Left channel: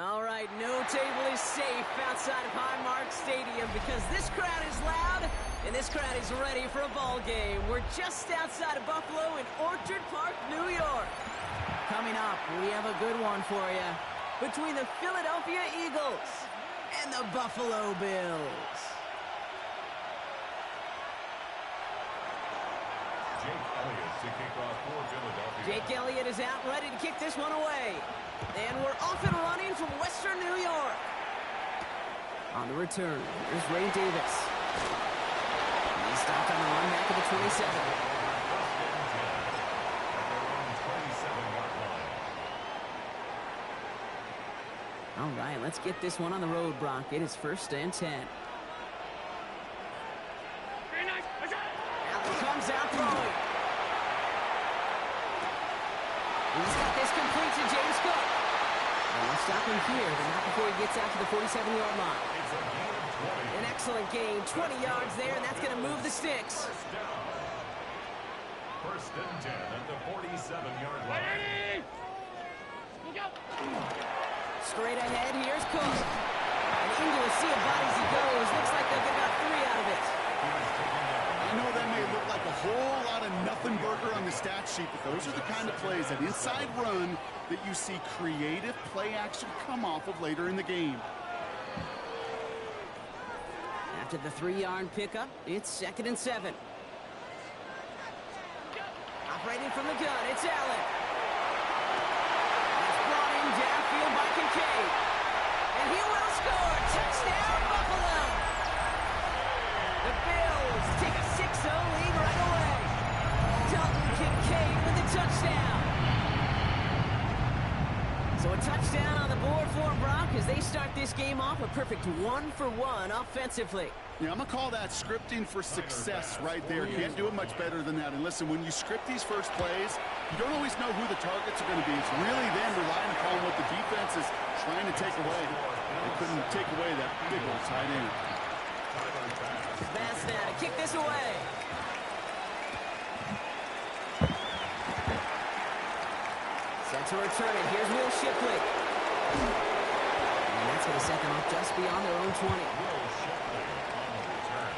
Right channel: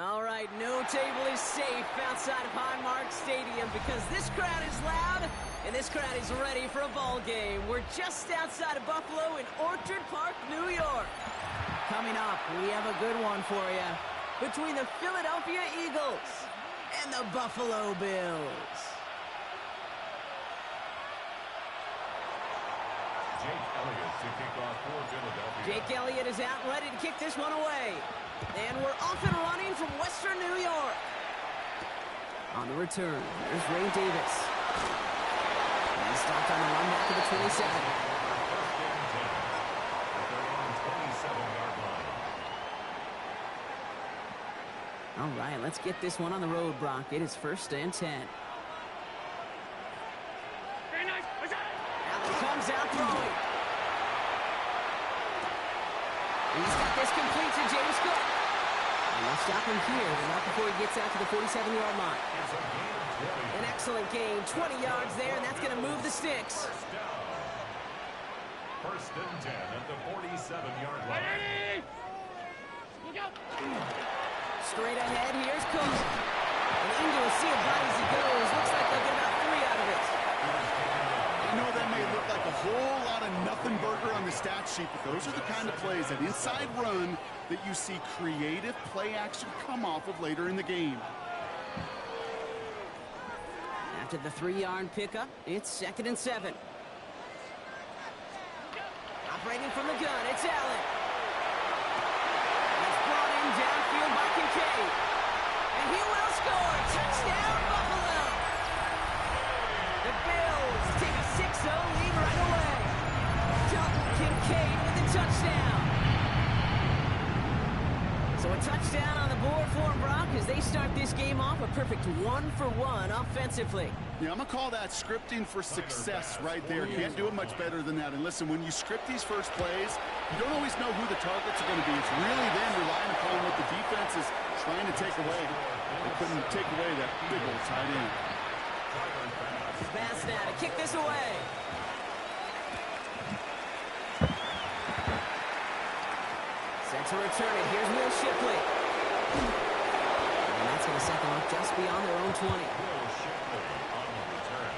All right, no table is safe outside of Highmark Stadium because this crowd is loud and this crowd is ready for a ball game. We're just outside of Buffalo in Orchard Park, New York. Coming up, we have a good one for you between the Philadelphia Eagles and the Buffalo Bills. Jake Elliott to kick off for Philadelphia. Jake Elliott is out ready to kick this one away. And we're off and running from Western New York. On the return, there's Ray Davis. He's stopped on the run back to the 27. First and 10 at their own 27-yard line. All right, let's get this one on the road, Brock. It is first and 10. Allen comes out throwing. He's got this complete to James Cook. And they'll stop him here, but not before he gets out to the 47-yard line. It's a gain of 20. An excellent gain, 20 yards there, and that's going to move the sticks. First down. First and 10 at the 47-yard line. Straight ahead, here's Cook. And into a sea of bodies he goes. Looks like they'll get about 3 out of it. He was taken down. I know that may look like a whole lot of nothing burger on the stat sheet, but those are the kind of plays, that inside run, that you see creative play action come off of later in the game. After the 3-yard pickup, it's second and 7. Operating from the gun, it's Allen. That's brought in downfield by Kincaid. And he will score. Touchdown, Buffalo. The Bills take a 6-0 lead right away. Dalton Kincaid with the touchdown. So a touchdown on the board for Brock as they start this game off a perfect 1-for-1 offensively. Yeah, I'm going to call that scripting for success right there. Can't do it much better than that. And listen, when you script these first plays, you don't always know who the targets are going to be. It's really them relying upon what the defense is trying to take away. They couldn't take away that big old tight end. Bass now to kick this away. Set to return it. Here's Will Shipley. And that's going to set them up just beyond their own 20. Will Shipley on the return.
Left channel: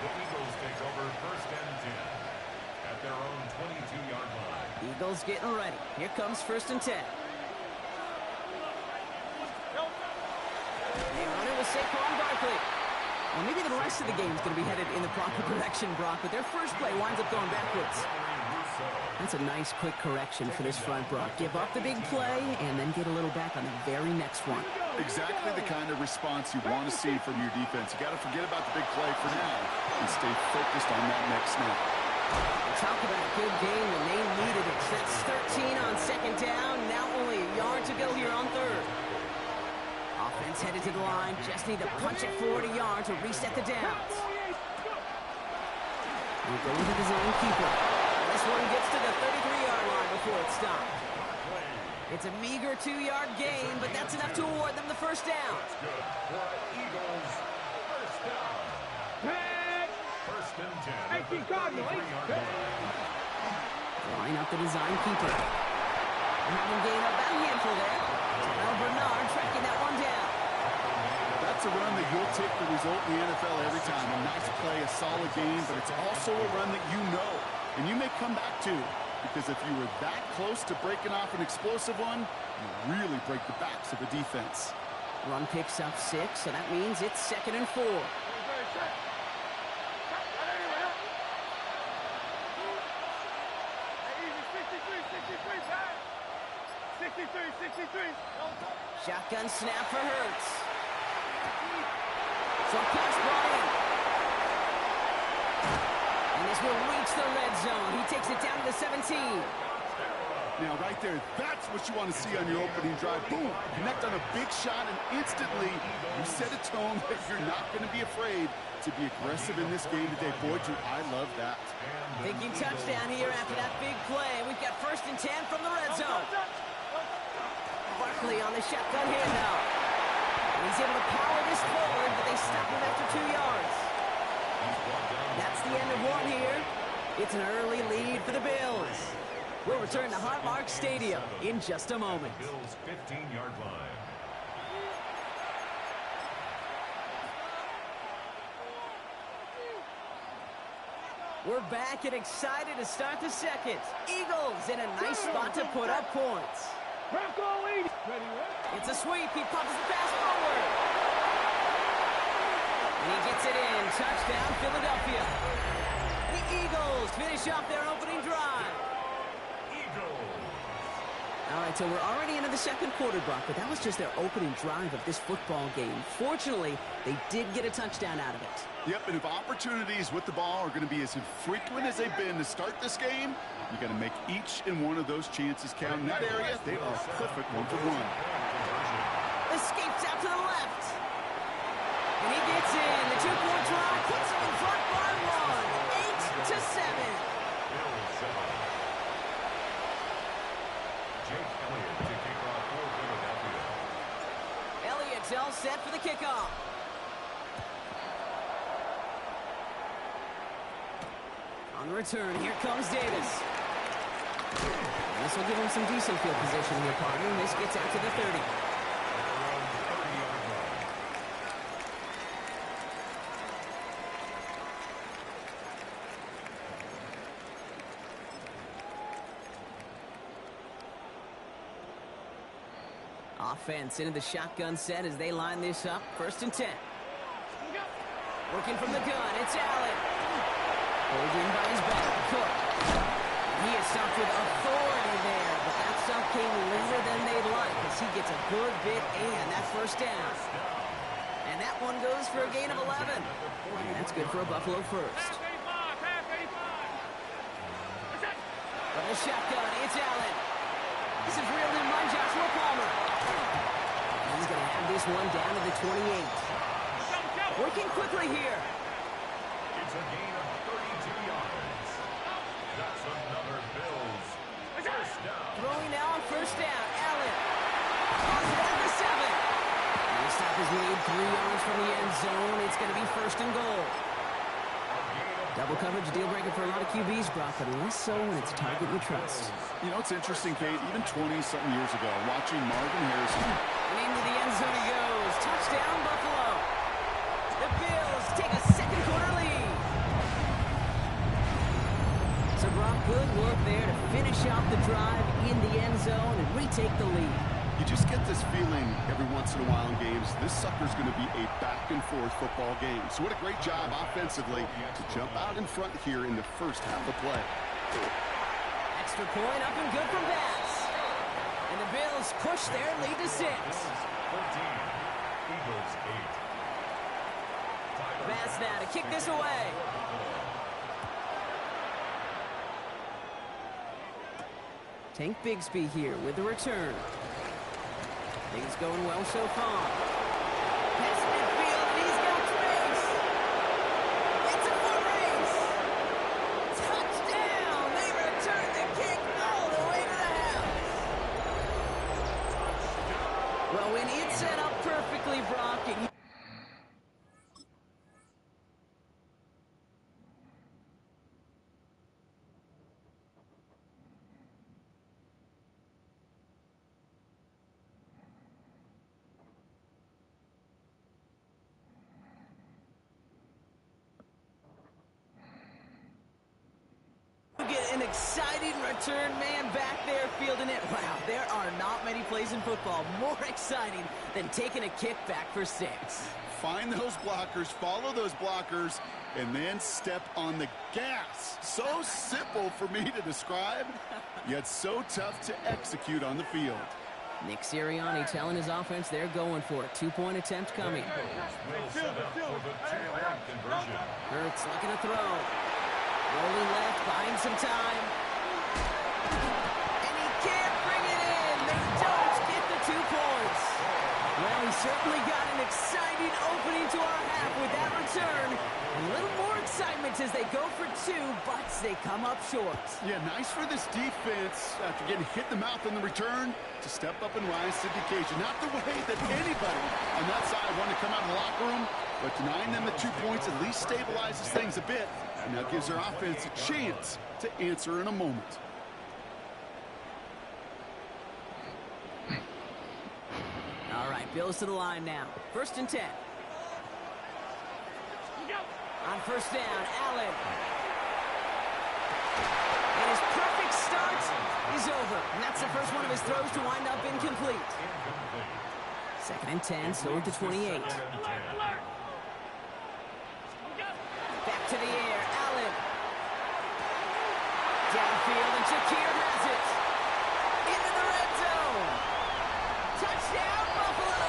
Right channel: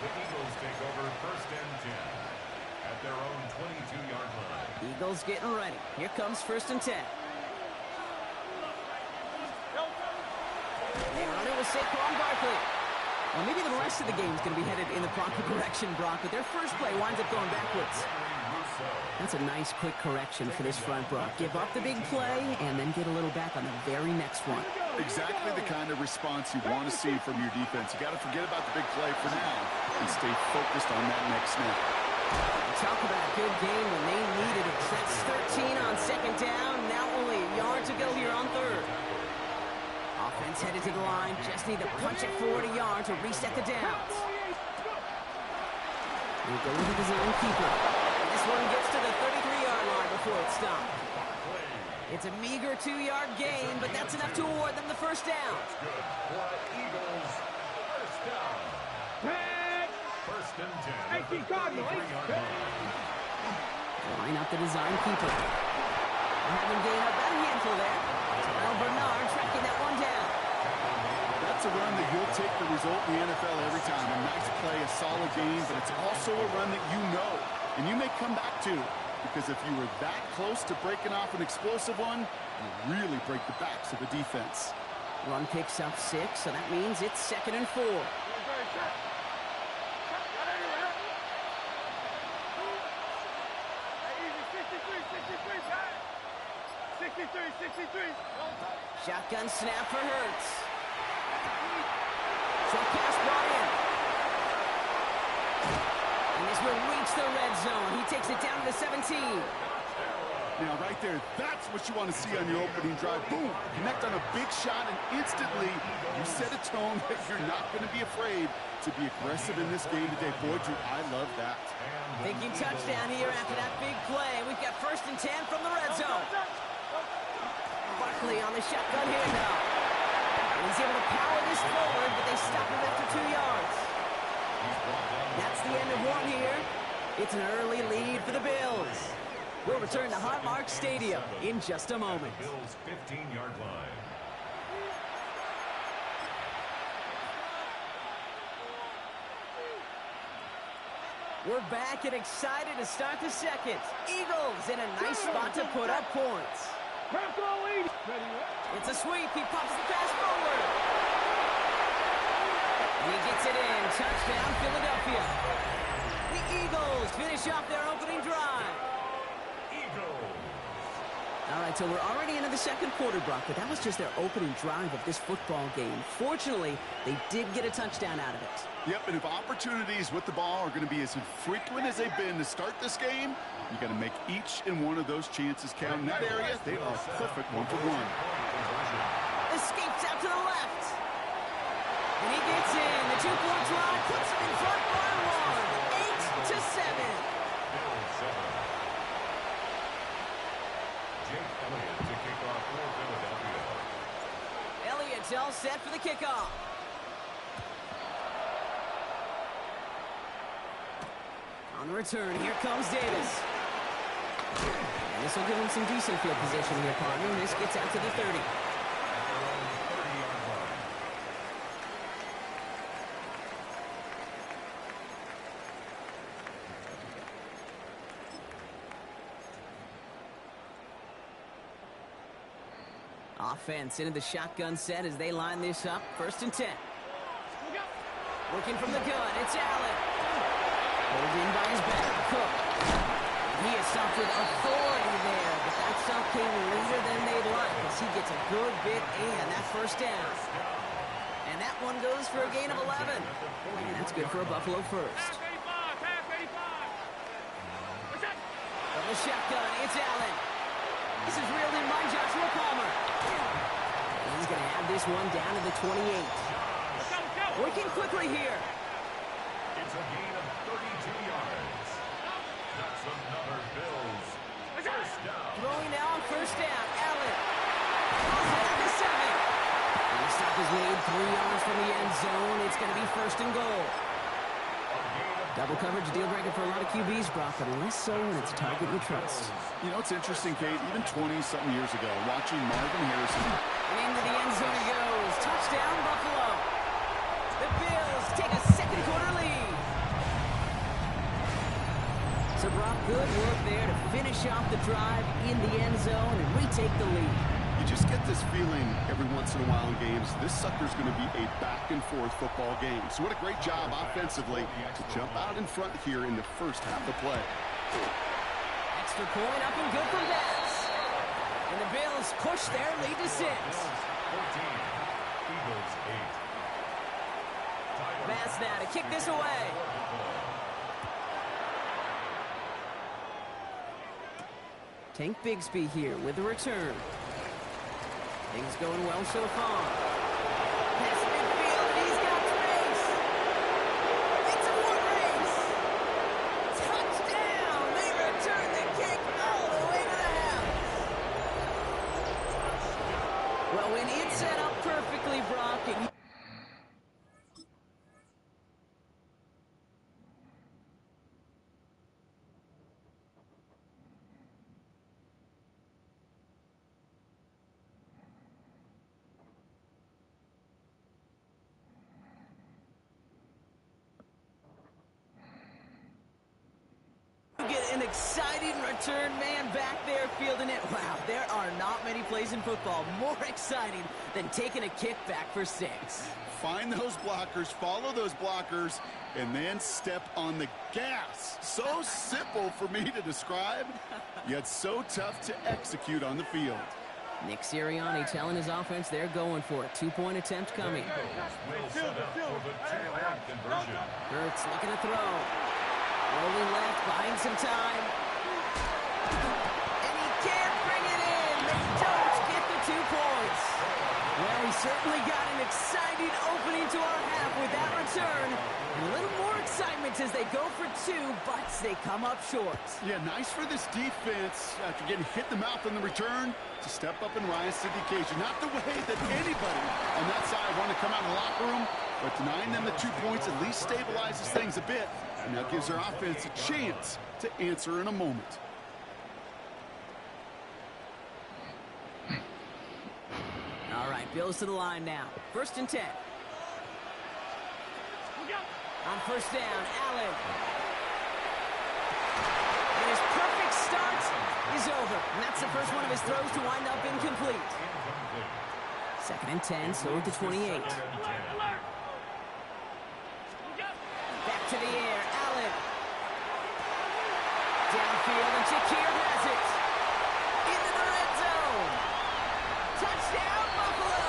The Eagles take over first and 10 at their own 22-yard line. Eagles getting ready. Here comes first and 10. They run it with Saquon Barkley. Well, maybe the rest of the game is going to be headed in the proper direction, Brock, but their first play winds up going backwards. That's a nice quick correction for this front, Brock. Give up the big play and then get a little back on the very next one. Exactly the kind of response you want to see from your defense. You got to forget about the big play for now and stay focused on that next snap. Talk about a good game when they needed it. That's 13 on second down. Now only a yard to go here on third. Offense headed to the line. Just need to punch it forward a yard to reset the downs. We go with the design keeper. And this one gets to the 33-yard line before it's stopped. It's a meager 2-yard gain, but that's enough to award them the first down. That's good for Eagles. First down. First and 10 at the 33-yard line. Line up the design keeper. Having gained about a handful there. Terrell Bernard tracking that one down. That's a run that you'll take the result in the NFL every time. A nice play, a solid game, but it's also a run that you know and you may come back to, because if you were that close to breaking off an explosive one, you really break the backs of the defense. Run picks up 6, so that means it's second and 4. Shotgun snap for Hurts. Short pass brought in. And this will reach the red zone. He takes it down to the 17. Now, right there, that's what you want to see on your opening drive. Boom! Connect on a big shot, and instantly you set a tone that you're not going to be afraid to be aggressive in this game today. Boy, Drew, I love that. Thinking touchdown here after that big play. We've got first and 10 from the red zone. Barkley on the shotgun handoff. He's able to power this forward, but they stop him after 2 yards. That's the end of one here. It's an early lead for the Bills. We'll return to Highmark Stadium in just a moment. Bills 15-yard line. We're back and excited to start the second. Eagles in a nice spot to put up points. It's a sweep. He pops the pass forward. And he gets it in. Touchdown, Philadelphia. The Eagles finish off their opening drive. All right, so we're already into the second quarter, Brock, but that was just their opening drive of this football game. Fortunately, they did get a touchdown out of it. Yep, and if opportunities with the ball are going to be as infrequent as they've been to start this game, you got to make each and one of those chances count. In that area, they are perfect one-for-one. Escapes out to the left. And he gets in. The two-point try puts him in front by one. 8-7. Jake Elliott to kick off for Philadelphia. Elliott's all set for the kickoff. On the return, here comes Davis. And this will give him some decent field position here, partner. And this gets out to the 30. Offense into the shotgun set as they line this up. 1st and 10. Working from the gun, it's Allen. Pulled in by his back, Cook. And he is stopped with authority there, but that stop came later than they'd like as he gets a good bit and that 1st down. And that one goes for a gain of 11. And that's good for a Buffalo first. From the shotgun, it's Allen. This is reeled in by Joshua Palmer. And he's going to have this one down to the 28. Working quickly here. It's a gain of 32 yards. That's another Bills. 1st down. Throwing now on 1st down. Allen. Calls it at the 7. And the stop is made 3 yards from the end zone. It's going to be 1st and goal. Double coverage, deal breaker for a lot of QBs, Brock, but less so when it's a target you trust. You know, it's interesting, Kate, even 20-something years ago, watching Marvin Harrison. And into the end zone he goes. Touchdown, Buffalo. The Bills take a second quarter lead. So, Brock, good work there to finish off the drive in the end zone and retake the lead. You just get this feeling every once in a while in games, this sucker's going to be a back-and-forth football game. So what a great job offensively to jump out in front here in the first half of play. Extra point up and good from Bass. And the Bills push their lead to 6. 14. Eagles 8. Bass now to kick this away. Tank Bigsby here with the return. Things going well so far. Pass midfield, and he's got space. It's a foot race. Touchdown! They return the kick all the way to the house. Well, when it's set up perfectly, Brock, and get an exciting return man back there fielding it. Wow, there are not many plays in football more exciting than taking a kick back for 6. Find those blockers, follow those blockers, and then step on the gas. So simple for me to describe, yet so tough to execute on the field. Nick Sirianni telling his offense they're going for it. 2-point attempt coming. Will set up for the 2-point conversion. Hurts looking to throw. Rolling left, buying some time. And he can't bring it in. They don't get the 2 points. Well, he certainly got an exciting opening to our half with that return. And a little more excitement as they go for 2, but they come up short. Yeah, nice for this defense after getting hit in the mouth on the return to step up and rise to the occasion. Not the way that anybody on that side wanted to come out of the locker room, but denying them the 2 points at least stabilizes things a bit. And that gives their offense a chance to answer in a moment. All right, Bills to the line now. 1st and 10. On 1st down, Allen. his perfect start is over. And that's the first one of his throws to wind up incomplete. Second and 10, so at the 28. Back to the air, Allen. Downfield, and Shakir has it. Into the red zone. Touchdown, Buffalo.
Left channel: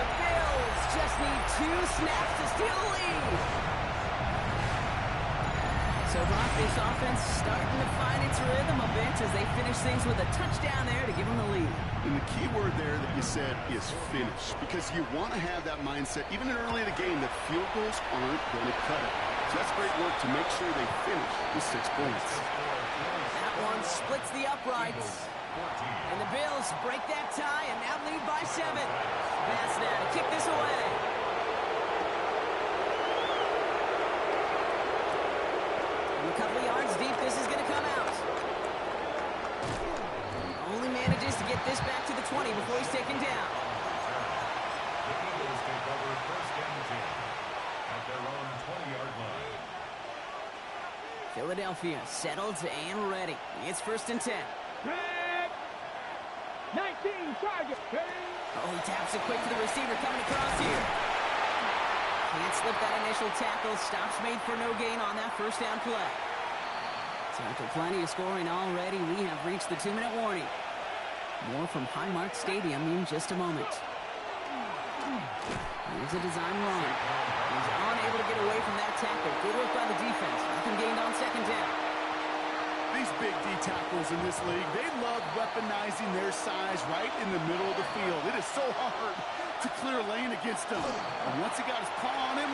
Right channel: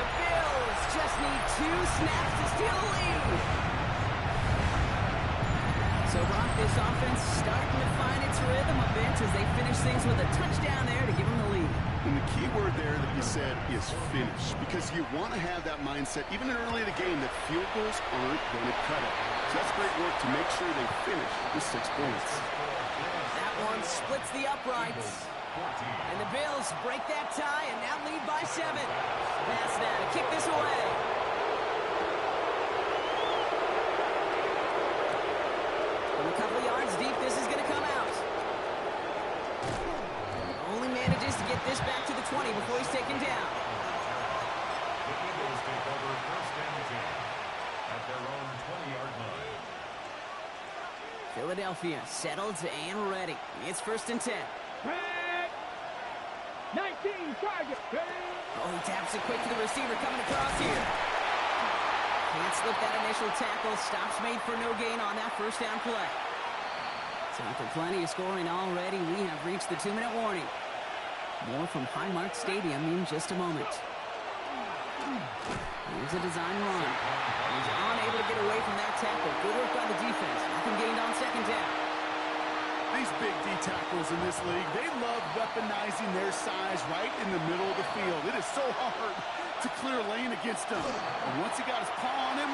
The Bills just need 2 snaps to steal the lead. So, Brock, this offense starting to find its rhythm a bit as they finish things with a touchdown there to give them the lead. And the key word there that you said is finish, because you want to have that mindset, even early in the game, that field goals aren't going to cut it. So that's great work to make sure they finish with 6 points. That one splits the uprights. And the Bills break that tie and now lead by 7. Pass now to kick this away. From a couple of yards deep, this is going to come out. Only manages to get this back to the 20 before he's taken down. The Eagles take over first and 10 at their own 20-yard line. Philadelphia settled and ready. It's first and 10. 19 target. Oh, he taps it quick to the receiver coming across here. Can't slip that initial tackle. Stops made for no gain on that first down play. So after plenty of scoring already, we have reached the 2-minute warning. More from Highmark Stadium in just a moment. Here's a design run. He's unable to get away from that tackle. Good work by the defense. Nothing gained on second down. These big D tackles in this league, they love weaponizing their size right in the middle of the field. It is so hard to clear a lane against them. And once he got his paw on him,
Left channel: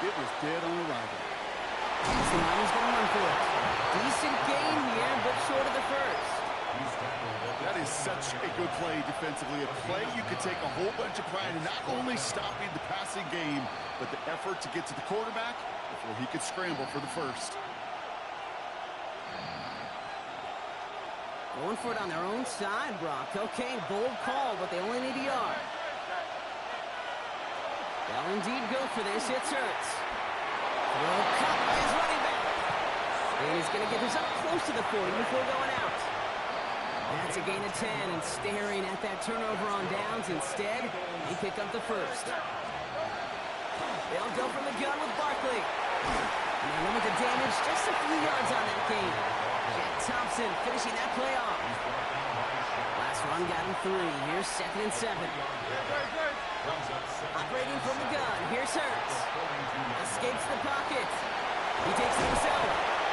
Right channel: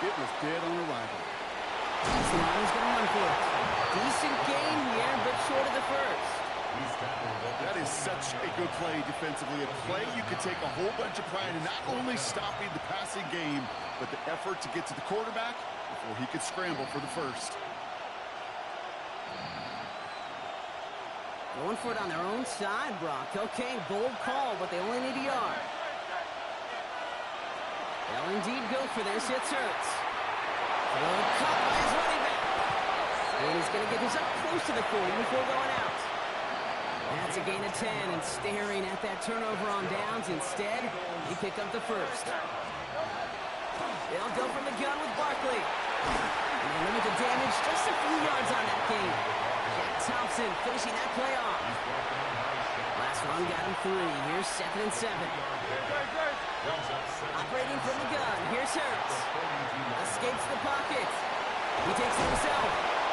it was dead on arrival. So he's going to run for it. Decent gain here, but short of the first. That is such a good play defensively. A play you could take a whole bunch of pride in not only stopping the passing game, but the effort to get to the quarterback before he could scramble for the first. Going for it on their own side, Brock. Okay, bold call, but they only need a yard. They'll indeed go for this. It's Hurts. Throw caught by his running back. And he's going to get this up close to the 40 before going out. That's a gain of 10, and staring at that turnover on downs. Instead, they pick up the first. They'll go from the gun with Barkley. And they limit the damage just a few yards on that game. Jack Thompson finishing that play off. Last run got him 3. Here's second and 7. Operating from the gun. Here's Hurts. Escapes the pocket. He takes it himself.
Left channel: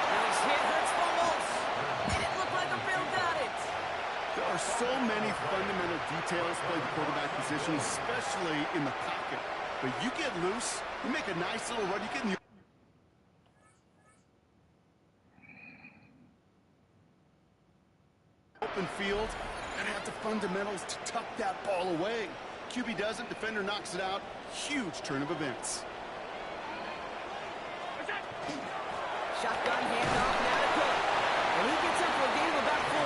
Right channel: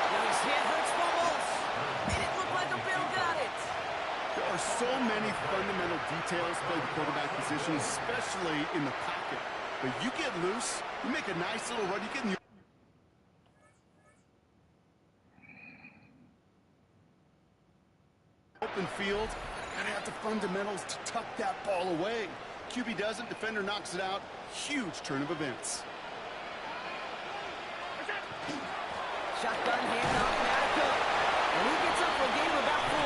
Now he's hit. Hurts fumbles. And it looked like a Bill got it. There are so many fundamental details playing the quarterback position, especially in the pocket. But you get loose, you make a nice little run, you get in the open field, and have the fundamentals to tuck that ball away. QB doesn't, defender knocks it out. Huge turn of events. Shotgun handoff now to Cook. And he gets up for a gain of about 4.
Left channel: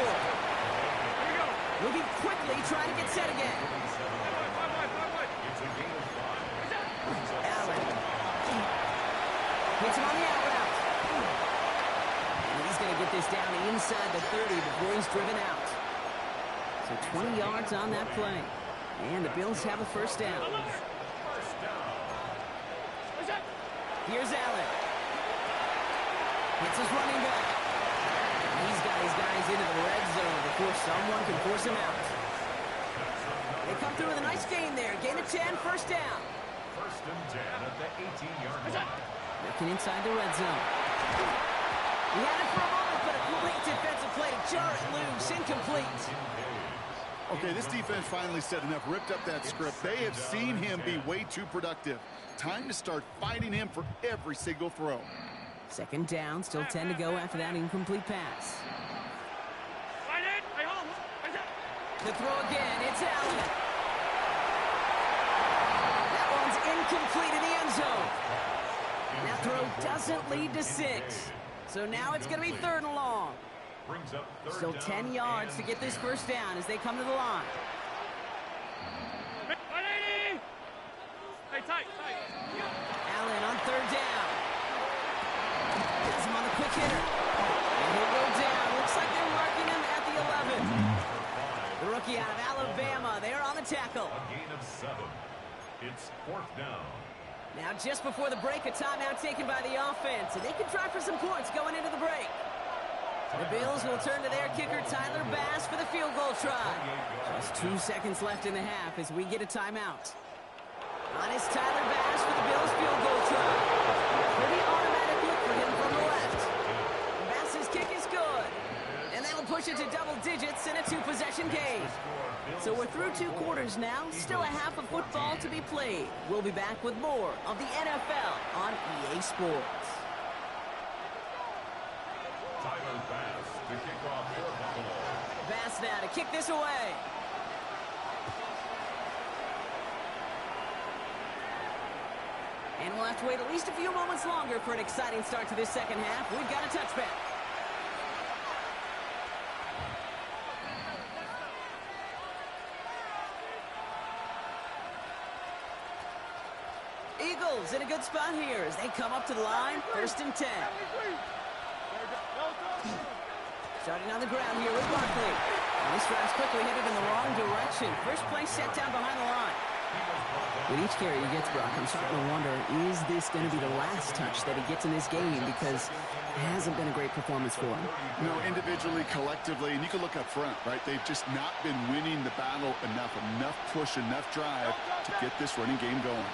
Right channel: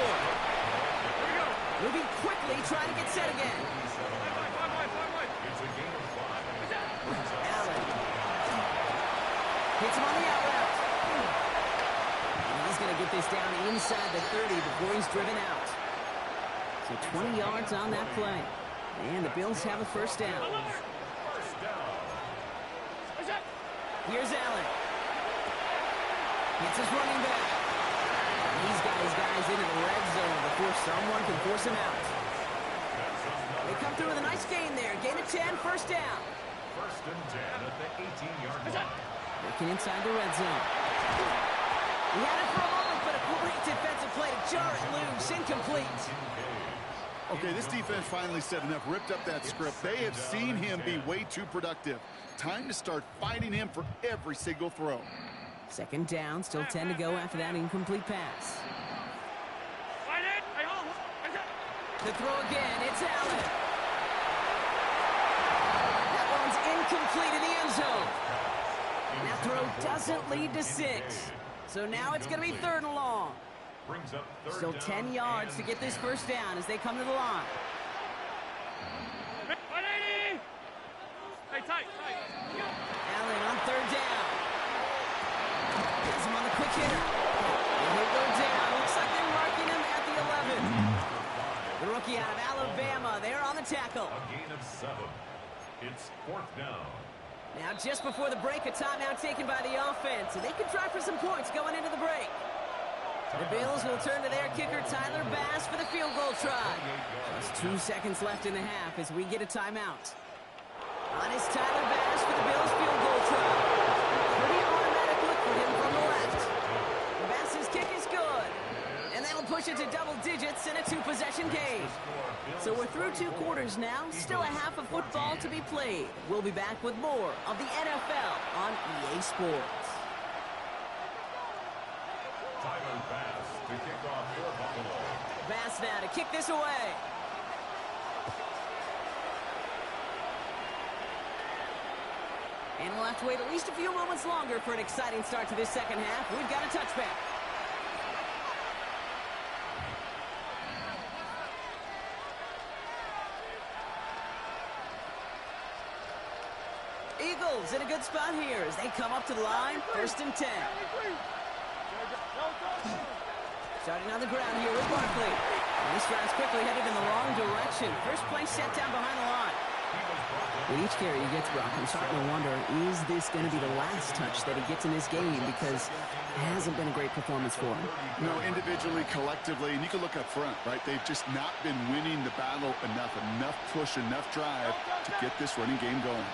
Here we go. Moving quickly, trying to get set again. It's a gain of 5. Allen. Hits him on the out route. And he's going to get this down inside the 30 before he's driven out. So 20 yards on that play. And the Bills have a first down. First down. Here's Allen. Hits his running back. And he's got his guys into the red zone before someone can force him out. They come through with a nice gain there. Gain of 10, first down. First and 10 at the 18-yard line. Working inside the red zone. He had it for a moment, but a great defensive play to jar it loose. Incomplete. Okay, this defense finally said enough, ripped up that script. They have seen him be way too productive. Time to start fighting him for every single throw. Second down, still 10 to go after that incomplete pass. The throw again, it's Allen. That one's incomplete in the end zone. And that throw doesn't lead to 6. So now it's going to be 3rd and long. Brings up third Still down 10 yards to get this first down as they come to the line. Allen on 3rd down. Has him on the quick hitter. He'll go down. Looks like they're marking him at the 11. The rookie out of Alabama, they're on the tackle. A gain of 7. It's 4th down. Now, just before the break, a timeout taken by the offense, and they can try for some points going into the break. The Bills will turn to their kicker, Tyler Bass, for the field goal try. Just 2 seconds left in the half as we get a timeout. On is Tyler Bass for the Bills field goal try. Pretty automatic look for him from the left. Bass's kick is good. And that'll push it to double digits in a 2-possession game. So we're through 2 quarters now. Still a half of football to be played. We'll be back with more of the NFL on EA Sports. Tyler Bass to kick off for Buffalo. Bass now to kick this away. And we'll have to wait at least a few moments longer for an exciting start to this second half. We've got a touchback. Eagles in a good spot here as they come up to the line. 1st and 10. Starting on the ground here with Barkley. And this drive's quickly headed in the wrong direction. First play set down behind the line. With each carry he gets, Brock, I'm starting to wonder, is this going to be the last touch that he gets in this game? Because it hasn't been a great performance for him. No, individually, collectively, and you can look up front, right? They've just not been winning the battle enough push, enough drive to get this running game going.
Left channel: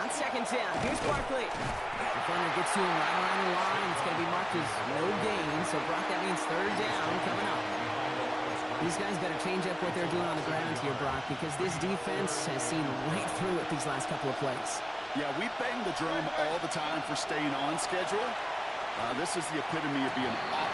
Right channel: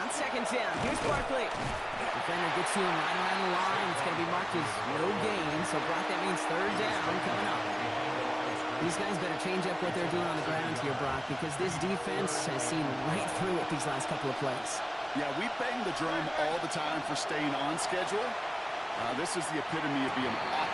On 2nd down, here's Barkley. Defender gets to him right around the line. It's going to be marked as no gain. So, Brock, that means 3rd down coming up. These guys better change up what they're doing on the ground here, Brock, because this defense has seen right through it these last couple of plays. Yeah, we bang the drum all the time for staying on schedule. This is the epitome of being off